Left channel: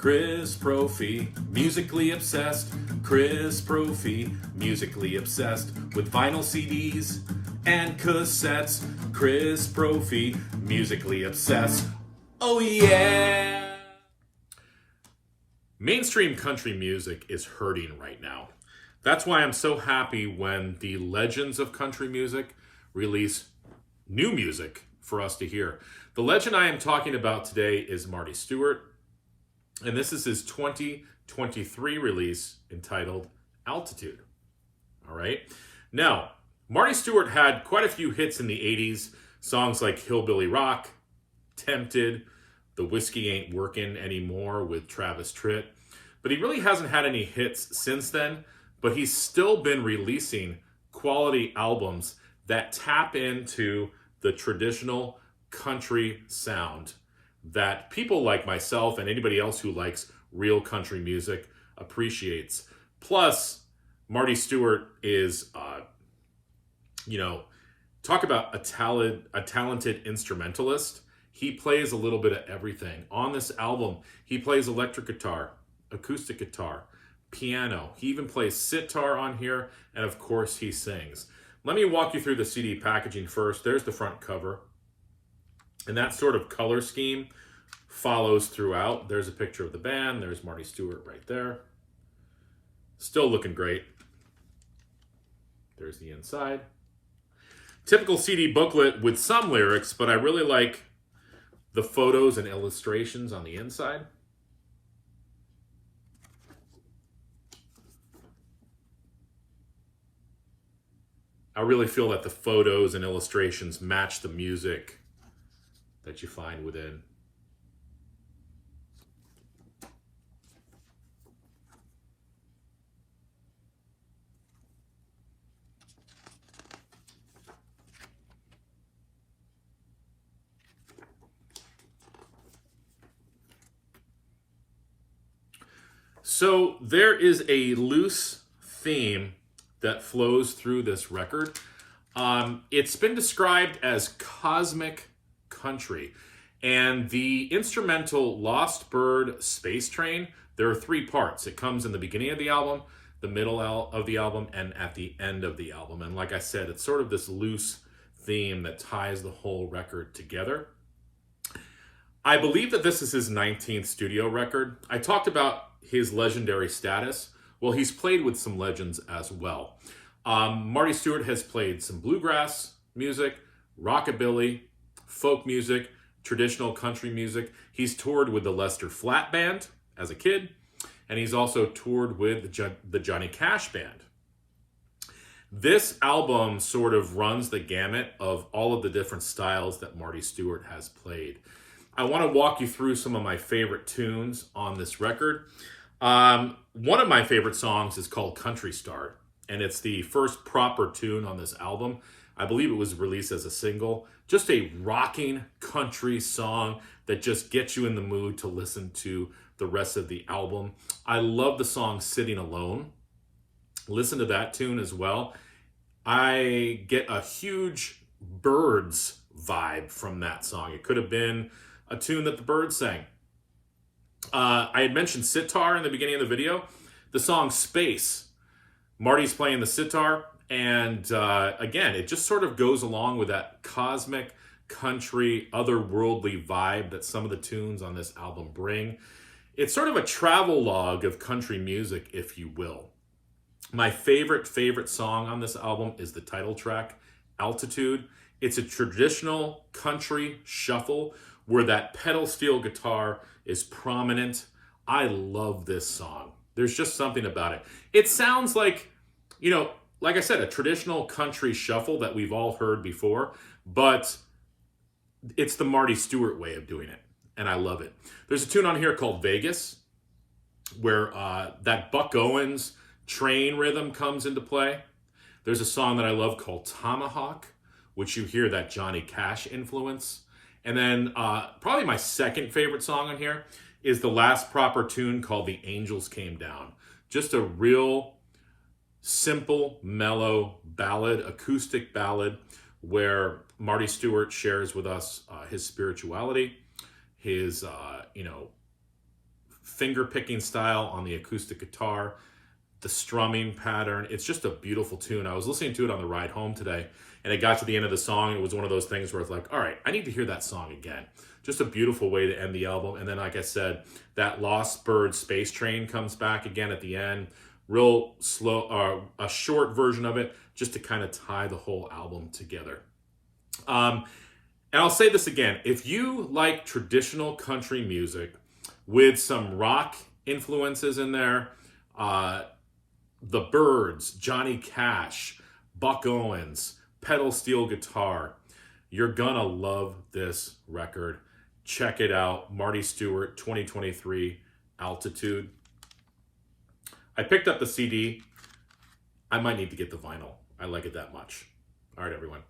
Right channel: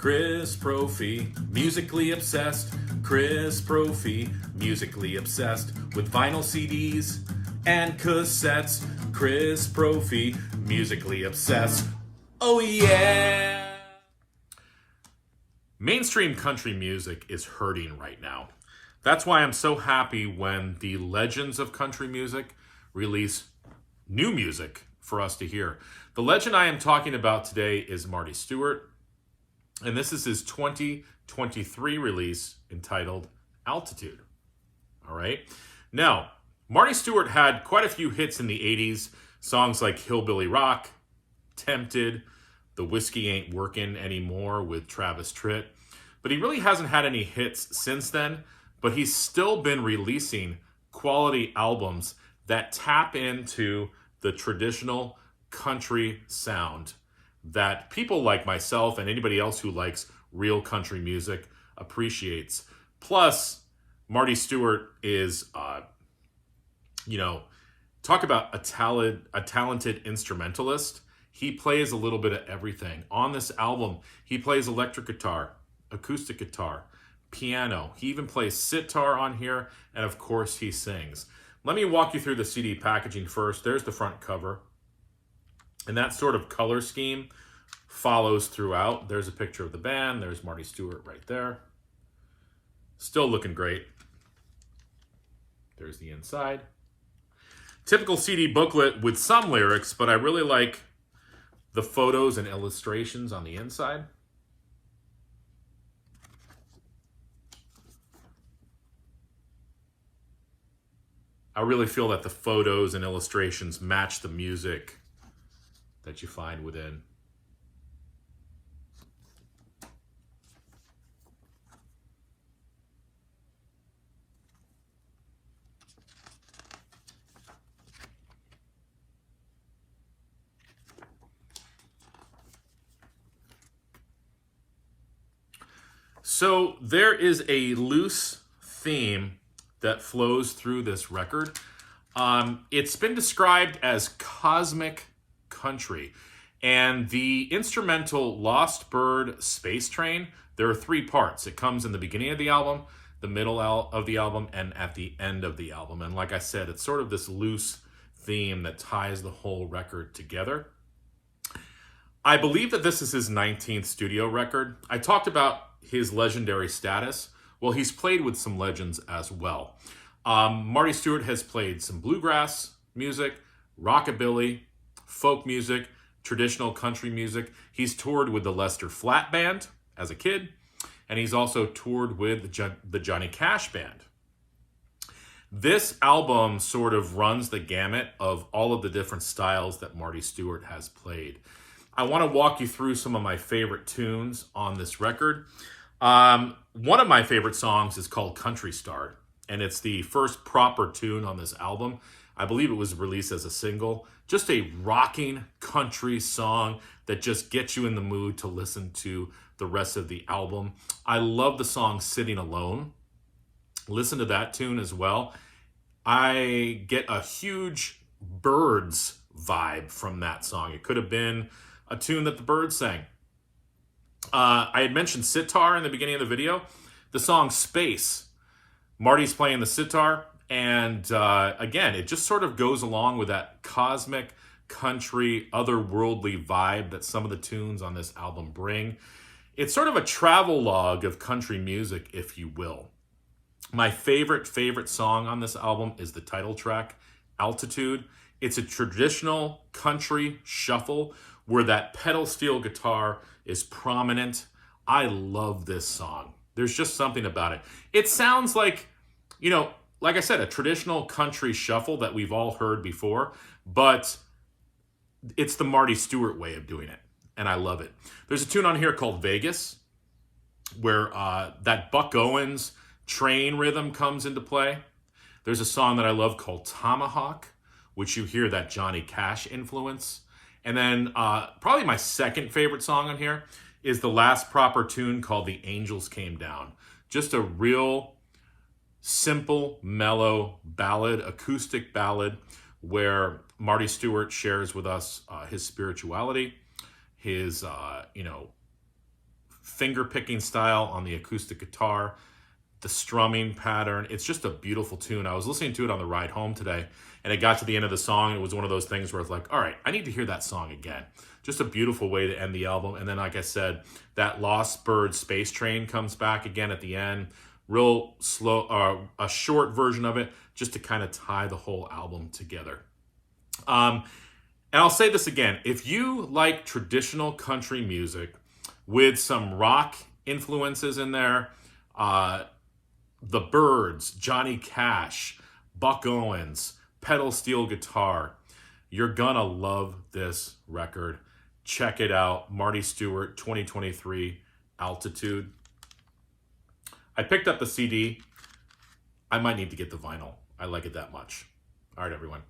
Chris Prophy, musically obsessed. Chris Prophy, musically obsessed with vinyl CDs and cassettes. Chris Prophy, musically obsessed. Oh yeah! Mainstream country music is hurting right now. That's why I'm so happy when the legends of country music release new music for us to hear. The legend I am talking about today is Marty Stuart, and this is his 2023 release entitled Altitude. All right. Now, Marty Stuart had quite a few hits in the 80s, songs like Hillbilly Rock, Tempted, The Whiskey Ain't Workin' Anymore with Travis Tritt. But he really hasn't had any hits since then, but he's still been releasing quality albums that tap into the traditional country sound that people like myself and anybody else who likes real country music appreciates. Plus, Marty Stuart is, talk about a talented instrumentalist. He plays a little bit of everything. On this album, he plays electric guitar, acoustic guitar, piano. He even plays sitar on here, and of course, he sings. Let me walk you through the CD packaging first. There's the front cover. And that sort of color scheme follows throughout. There's a picture of the band. There's Marty Stuart right there. Still looking great. There's the inside. Typical CD booklet with some lyrics, but I really like the photos and illustrations on the inside. I really feel that the photos and illustrations match the music that you find within. So there is a loose theme that flows through this record. It's been described as cosmic country. And the instrumental Lost Bird Space Train, there are 3 parts. It comes in the beginning of the album, the middle of the album, and at the end of the album. And like I said, it's sort of this loose theme that ties the whole record together. I believe that this is his 19th studio record. I talked about his legendary status. Well, he's played with some legends as well. Marty Stuart has played some bluegrass music, rockabilly, folk music, traditional country music. He's toured with the Lester Flat Band as a kid, and he's also toured with the Johnny Cash Band. This album sort of runs the gamut of all of the different styles that Marty Stuart has played. I want to walk you through some of my favorite tunes on this record. One of my favorite songs is called Country Star, and it's the first proper tune on this album. I believe it was released as a single. Just a rocking country song that just gets you in the mood to listen to the rest of the album. I love the song Sitting Alone. Listen to that tune as well. I get a huge Birds vibe from that song. It could have been a tune that the Birds sang. I had mentioned sitar in the beginning of the video. The song Space, Marty's playing the sitar, and again, it just sort of goes along with that cosmic, country, otherworldly vibe that some of the tunes on this album bring. It's sort of a travel log of country music, if you will. My favorite song on this album is the title track, Altitude. It's a traditional country shuffle where that pedal steel guitar is prominent. I love this song. There's just something about it. It sounds like, like I said, a traditional country shuffle that we've all heard before, but it's the Marty Stuart way of doing it, and I love it. There's a tune on here called Vegas, where that Buck Owens train rhythm comes into play. There's a song that I love called Tomahawk, which you hear that Johnny Cash influence. And then probably my second favorite song on here is the last proper tune called The Angels Came Down. Just a real simple, mellow ballad, acoustic ballad, where Marty Stuart shares with us his spirituality, his, finger picking style on the acoustic guitar, the strumming pattern. It's just a beautiful tune. I was listening to it on the ride home today, and it got to the end of the song. It was one of those things where it's like, all right, I need to hear that song again. Just a beautiful way to end the album. And then, like I said, that Lost Bird Space Train comes back again at the end. Real slow, a short version of it, just to kind of tie the whole album together. And I'll say this again. If you like traditional country music with some rock influences in there, the Byrds, Johnny Cash, Buck Owens, pedal steel guitar, you're gonna love this record. Check it out. Marty Stuart, 2023, Altitude. I picked up the CD. I might need to get the vinyl. I like it that much. All right, everyone.